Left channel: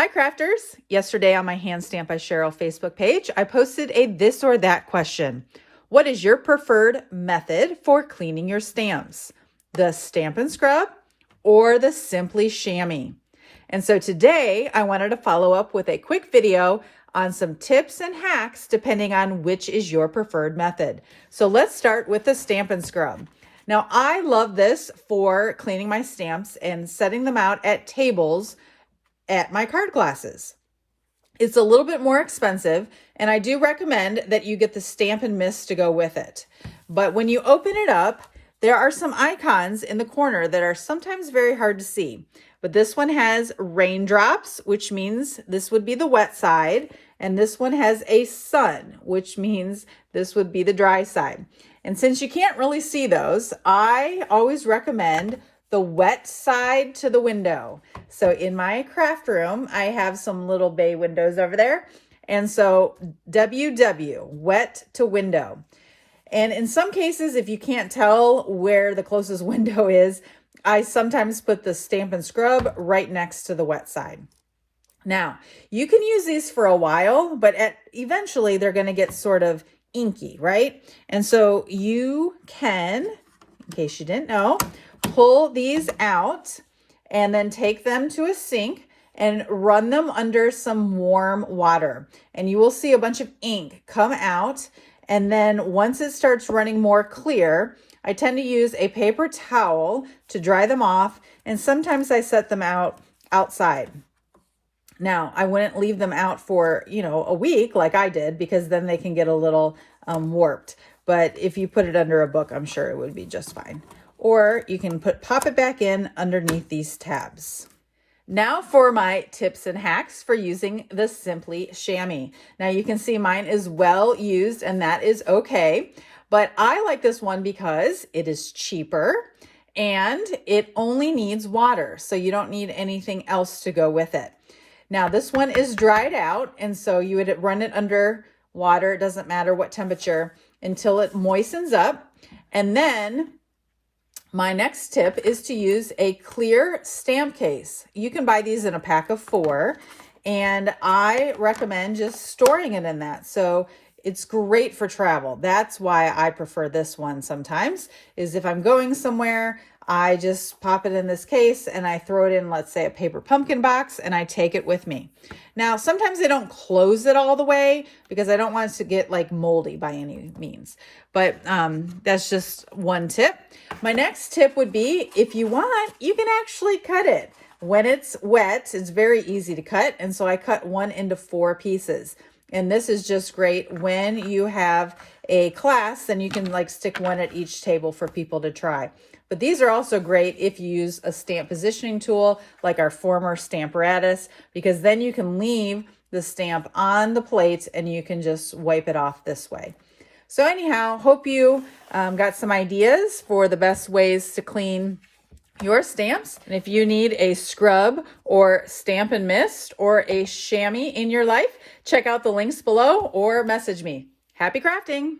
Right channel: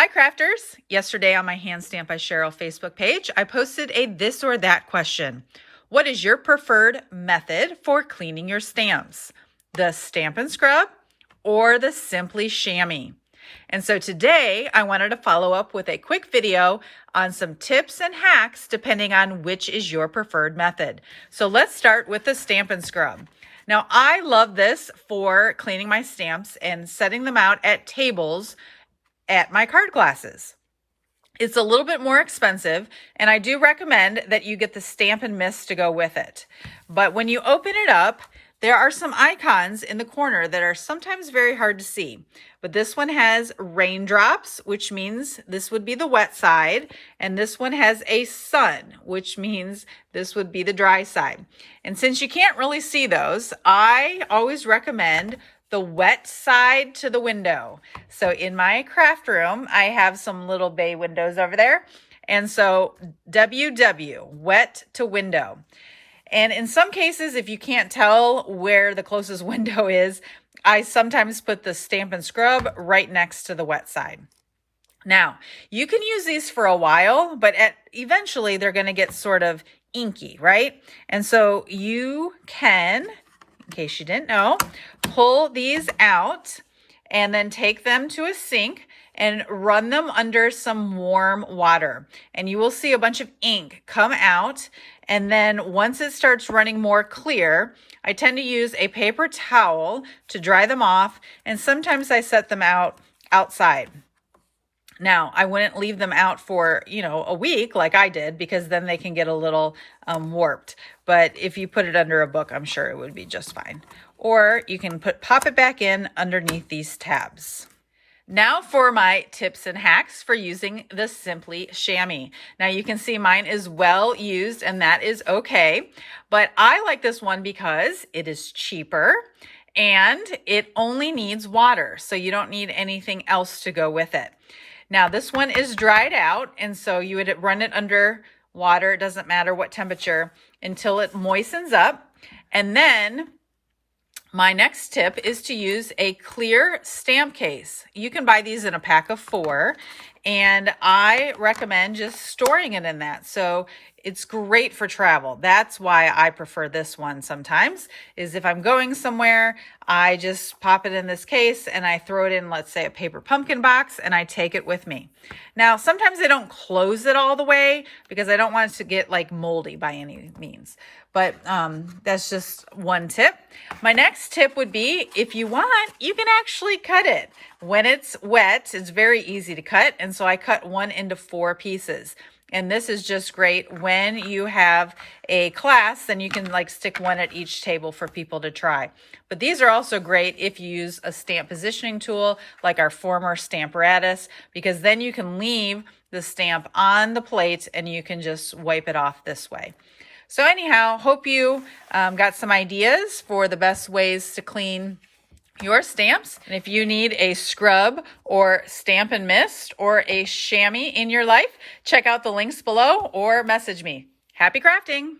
Hi crafters! Yesterday on my Hand Stamp by Cheryl Facebook page, I posted a this or that question. What is your preferred method for cleaning your stamps? The Stamp and Scrub or the Simply Shammy? And so today I wanted to follow up with a quick video on some tips and hacks depending on which is your preferred method. So let's start with the Stamp and Scrub. Now I love this for cleaning my stamps and setting them out at tables at my card classes. It's a little bit more expensive, and I do recommend that you get the stamp and mist to go with it. But when you open it up, there are some icons in the corner that are sometimes very hard to see. But this one has raindrops, which means this would be the wet side. And this one has a sun, which means this would be the dry side. And since you can't really see those, I always recommend the wet side to the window. So in my craft room, I have some little bay windows over there. And so WW, wet to window. And in some cases, if you can't tell where the closest window is, I sometimes put the Stamp and Scrub right next to the wet side. Now, you can use these for a while, but eventually they're going to get sort of inky, right? And so you can, in case you didn't know, pull these out and then take them to a sink and run them under some warm water. And you will see a bunch of ink come out. And then once it starts running more clear, I tend to use a paper towel to dry them off. And sometimes I set them out outside. Now, I wouldn't leave them out for, a week like I did, because then they can get a little warped. But if you put it under a book, I'm sure it would be just fine. Or you can pop it back in underneath these tabs. Now for my tips and hacks for using the Simply Shammy. Now you can see mine is well used, and that is okay. But I like this one because it is cheaper and it only needs water. So you don't need anything else to go with it. Now this one is dried out, and so you would run it under water, it doesn't matter what temperature, until it moistens up. And then my next tip is to use a clear stamp case. You can buy these in a pack of 4, and I recommend just storing it in that. So it's great for travel. That's why I prefer this one sometimes, is if I'm going somewhere, I just pop it in this case and I throw it in, let's say, a paper pumpkin box, and I take it with me. Now, sometimes I don't close it all the way because I don't want it to get like moldy by any means. But that's just one tip. My next tip would be, if you want, you can actually cut it. When it's wet, it's very easy to cut. And so I cut one into 4 pieces. And this is just great when you have a class, then you can like stick one at each table for people to try. But these are also great if you use a stamp positioning tool like our former Stamparatus, because then you can leave the stamp on the plate and you can just wipe it off this way. So anyhow, hope you got some ideas for the best ways to clean your stamps. And if you need a scrub or stamp and mist or a chamois in your life, check out the links below or message me. Happy crafting!